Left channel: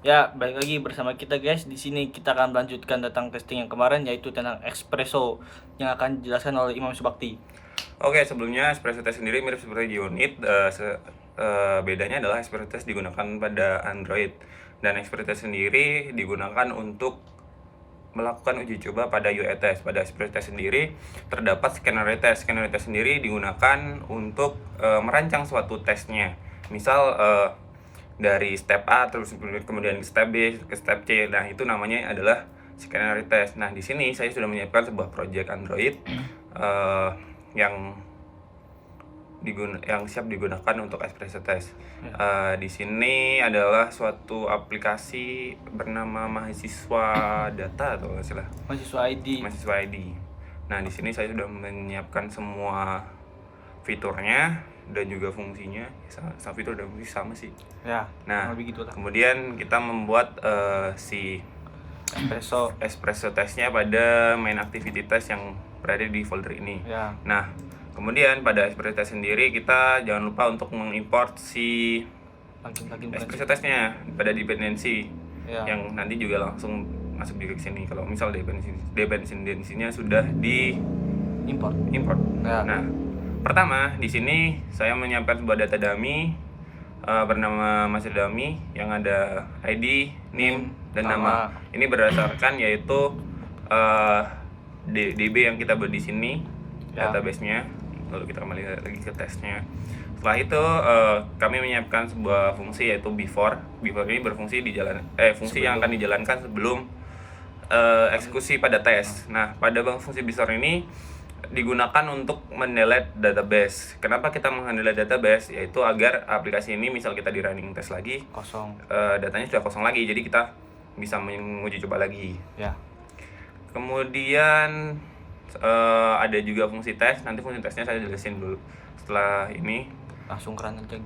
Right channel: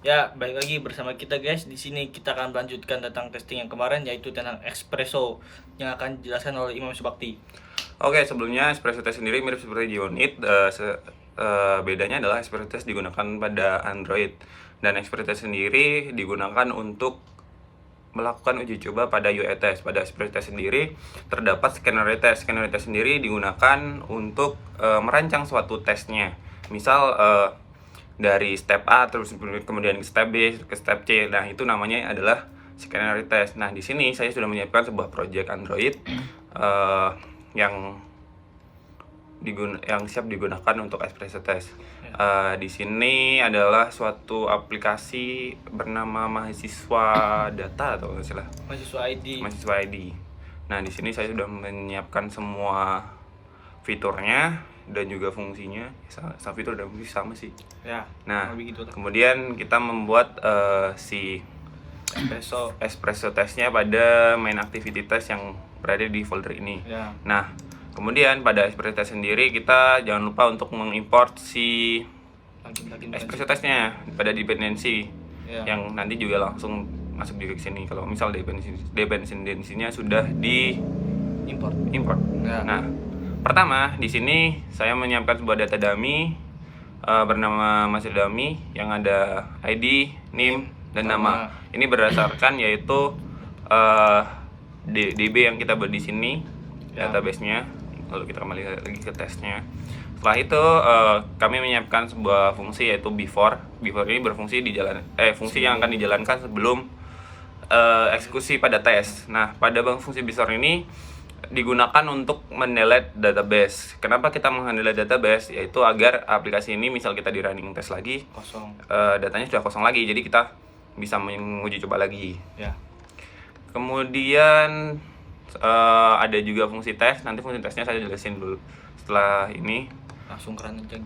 Ya, balik lagi bersama kita guys. Di sini kita akan melanjutkan tentang testing yang kemarin, yaitu tentang espresso yang akan dijelaskan oleh Imam Subakti. Oke, sebelumnya espresso test sendiri mirip seperti Unit. Bedanya adalah espresso test digunakan pada Android, dan espresso test sendiri digunakan untuk melakukan uji coba pada UI test. Pada espresso test sendiri terdapat scenario test. Scenario test sendiri digunakan untuk merancang suatu tesnya. Misal dari step A terus kemudian ke step B ke step C. Nah, itu namanya adalah scenario test. Nah, di sini saya sudah menyiapkan sebuah project Android yang siap digunakan untuk espresso test. Di sini adalah suatu aplikasi bernama Mahasiswa Data atau istilah Mahasiswa ID. Nah, di sini saya sudah menyiapkan semua fiturnya dan juga fungsinya. Sama fitur dan fungsi sama sih. Ya. Nah, Gitu lah. kemudian kita membuat si espresso testnya pada main activity test yang berada di folder ini. Ya. Nah, kemudian pada espresso test sendiri kita jangan lupa untuk mengimport si espresso testnya pada dependency yang nanti juga langsung masuk juga ke sini. Kalau misal dependensinya sudah di import. Nah, pertama di sini saya menyiapkan sebuah data dummy bernama master dummy yang ada ID, name, dan nama. Ini berdasarkan yaitu DB yang kita buat di sini, database-nya. Lalu kita kembali lagi ke tesnya. Setelah itu kami menyiapkan sebuah fungsi yaitu before. Before ini berfungsi fungsi yang akan dijalankan sebelum eksekusi pada tes. Nah, pada fungsi before ini digunakan untuk mendelete database. Kenapa kita mendelete database? Yaitu agar aplikasi ini misal kita di running test lagi, datanya sudah kosong lagi, jadi kita bisa menguji coba lagi. Ya. Kemudian ada juga fungsi tes. Nanti fungsi tesnya saya jelasin dulu. Setelah ini Langsung ke running test.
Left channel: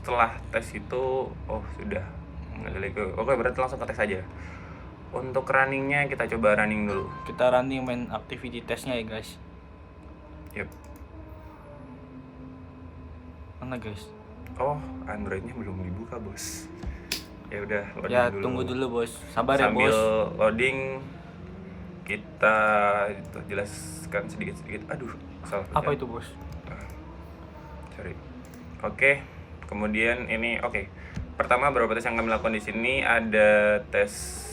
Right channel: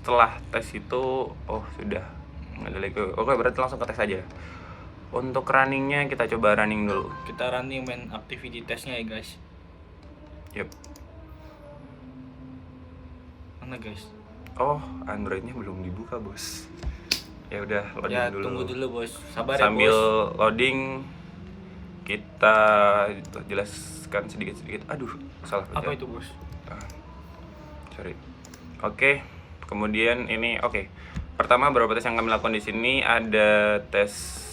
setelah tes itu sudah nggak ada lagi. Oke, berarti langsung ke tes aja. Untuk runningnya kita coba running dulu. Kita running main activity testnya ya guys. Yep. Mana guys? Androidnya belum dibuka bos. Ya udah, loading dulu. Tunggu dulu bos. Sabar sambil ya bos. Loading kita jelaskan sedikit. Aduh, salah. Apa itu bos? Sorry. Oke. Kemudian ini pertama beberapa tes yang kami lakukan di sini ada tes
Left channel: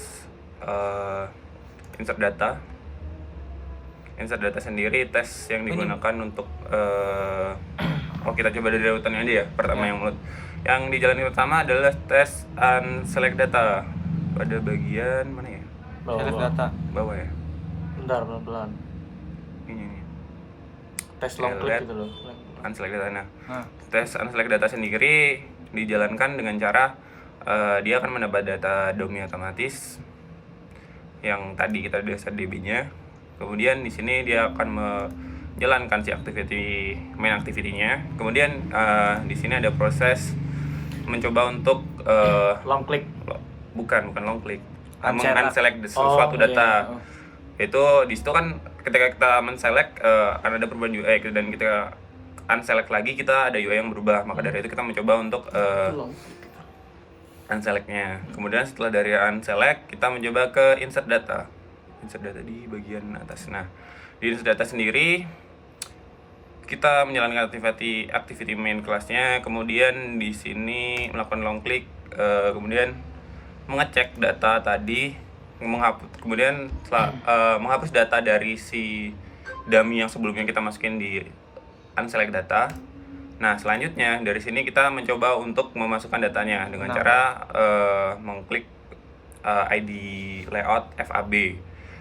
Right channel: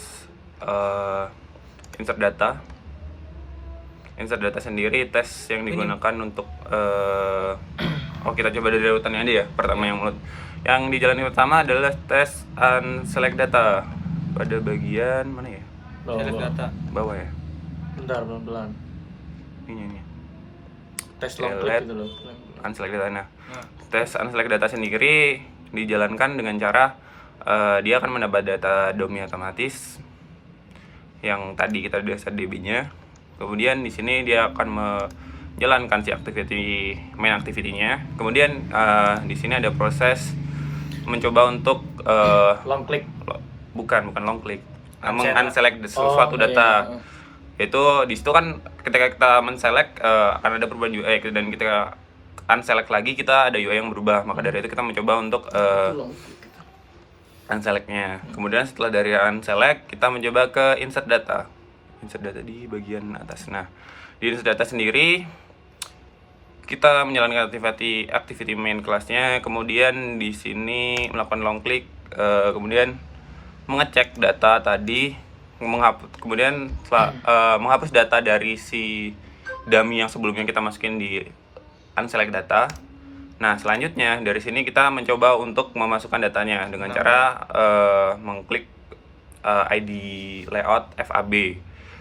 insert data. Insert data sendiri tes yang digunakan untuk kita coba dari urutannya aja ya. Pertama yang dijalani pertama adalah tes unselect data pada bagian mana ya? Bawah ya. Bentar, pelan-pelan. Ini. Tes long click gitu loh. Unselect data. Nah, tes unselect data sendiri dijalankan dengan cara dia akan mendapat data dummy otomatis yang tadi kita udah set DB-nya. Kemudian di sini dia akan menjalankan si main activity-nya. Kemudian di sini ada proses mencoba untuk long click. Bukan long click. Unselect suatu data. Itu di situ kan ketika kita men-select akan ada perubahan UI, dan ketika unselect lagi kita ada UI yang berubah. Maka dari itu kita mencoba untuk unselect-nya. Kemudian setelah dari unselect kita mencoba ke insert data. Insert data di bagian atas. Nah, di insert data sendiri kita menjalankan activity main kelasnya. Kemudian di sini melakukan long click, kemudian mengecek data tadi, kemudian menghapus data dari si dummy yang sebelumnya kita masukin di unselect data. Nah, selanjutnya dari sini kita mencoba untuk memasukkan datanya dengan cara mengklik ID layout FAB.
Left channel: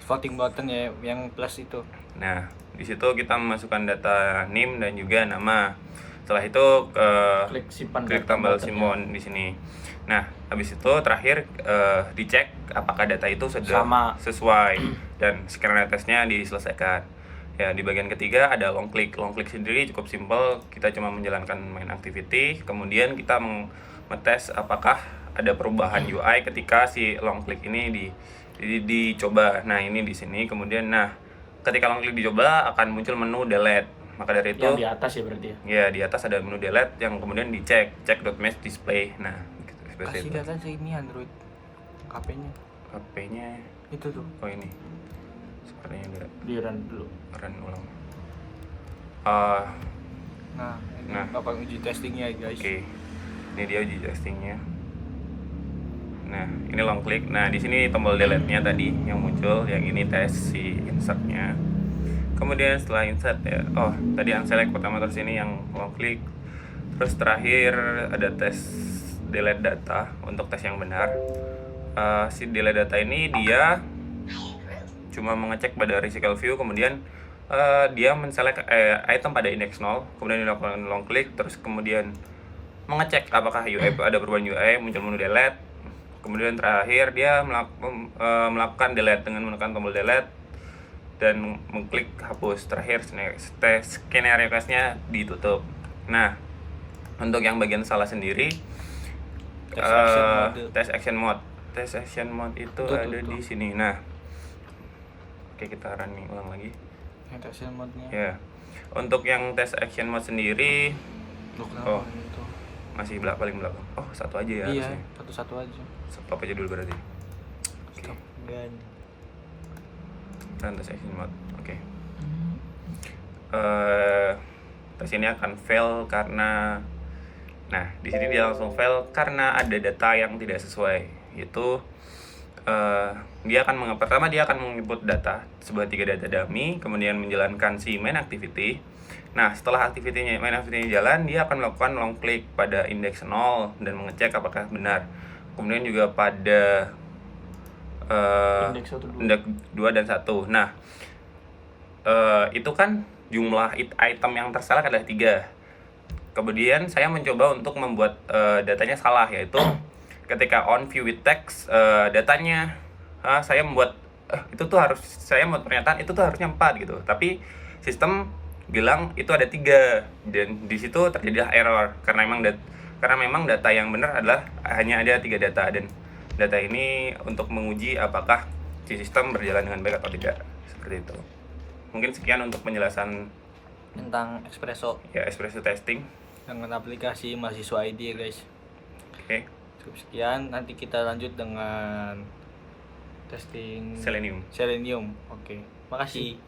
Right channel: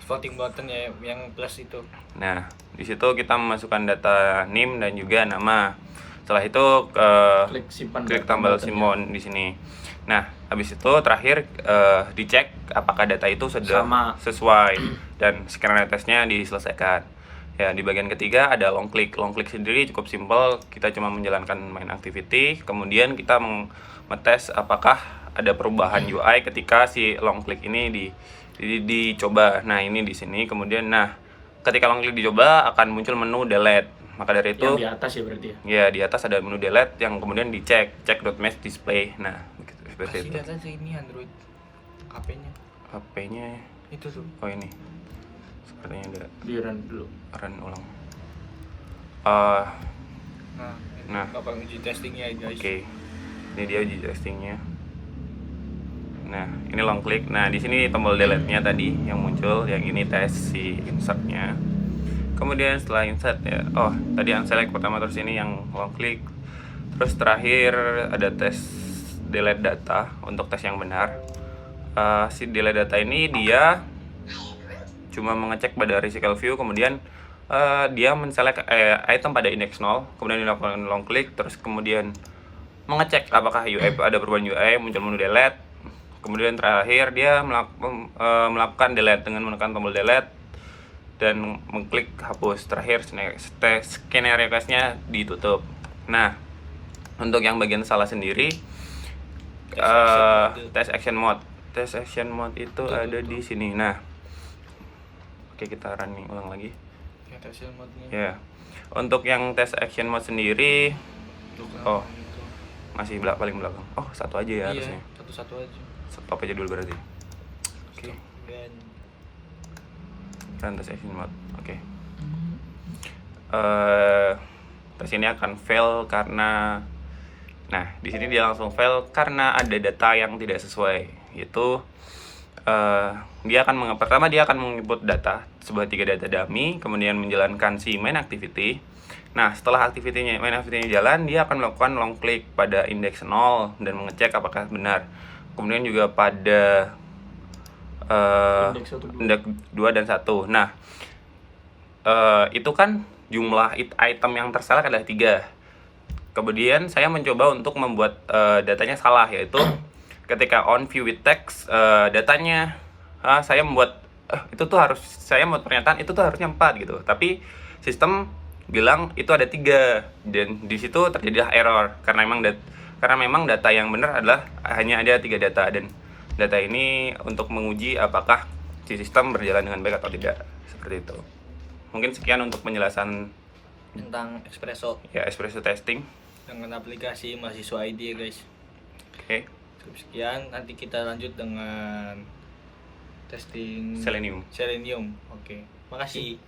Voting button ya yang plus itu. Nah, di situ kita memasukkan data name dan juga nama. Setelah itu klik tombol simpan di sini. Nah, habis itu terakhir dicek apakah data itu sudah sesuai dan skenario testnya diselesaikan. Ya, di bagian ketiga ada long click. Long click sendiri cukup simpel, kita cuma menjalankan main activity, kemudian kita mengetes apakah ada perubahan UI ketika si long click ini dicoba. Nah, ini di sini. Kemudian ketika long click dicoba akan muncul menu delete. Maka dari itu yang di atas ya berarti ya. Ya, di atas ada menu delete yang kemudian dicek, check.match display. Nah, begitu. seperti Kasih itu. lihat aja ini Android HP-nya. HP-nya Itu tuh. oh ini sepertinya ada Di run dulu. run ulang. Nah, ini Nah. Bapak uji testingnya guys. Oke, ini dia uji testingnya. Nah, ini long click. Nah, di sini tombol delete-nya tadi yang muncul, yang ini tes si insert-nya. Kemudian setelah insert ya, oh tadi unselect pertama, terus ini yang long click. Terus terakhir ada tes delete data untuk tes yang benar. Si delete data ini dia cuma mengecek pada resical view, kemudian dia menselect item pada index 0, kemudian dilakukan long click, terus kemudian mengecek apakah UI ada perubahan UI, muncul menu delete. Kemudian terakhir dia melakukan delete dengan menekan tombol delete dan mengklik hapus. Terakhir scanner request-nya ditutup. Nah, untuk yang bagian salah sendiri test action mode. Test action mode itu ada di sini. Nah, oke, kita running ulang lagi. Yang test action mode-nya. Ya. Untuk yang test action mode sendiri oh, itu. masih paling belakang. Oh, satu aja ya harusnya. Satu-satu aja. Stop aja dulu berarti. Oke. Dan Run test action mode. Oke. Tes ini akan fail karena di sini dia langsung fail karena ada data yang tidak sesuai. Yaitu dia akan pertama dia akan menginput data sebuah 3 data dummy, kemudian menjalankan si main activity. Nah, setelah main activity-nya jalan, dia akan melakukan long click pada index 0 dan mengecek apakah benar. Kemudian juga pada index 1, 2. index 2 dan 1. Nah, itu kan jumlah item yang terselect adalah 3. Kemudian saya mencoba untuk membuat datanya salah, yaitu ketika on view with text datanya saya membuat itu tuh harus saya membuat pernyataan itu tuh harusnya 4 gitu. Tapi sistem bilang itu ada 3 dan di situ terjadilah error karena memang data yang benar adalah hanya ada 3 data, dan data ini untuk menguji apakah si sistem berjalan dengan baik atau tidak, seperti itu. Mungkin sekian untuk penjelasan Tentang Espresso ya espresso testing. dengan aplikasi mahasiswa ID ya guys. Oke. Cukup sekian, nanti kita lanjut dengan testing Selenium. Selenium. Oke. Makasih.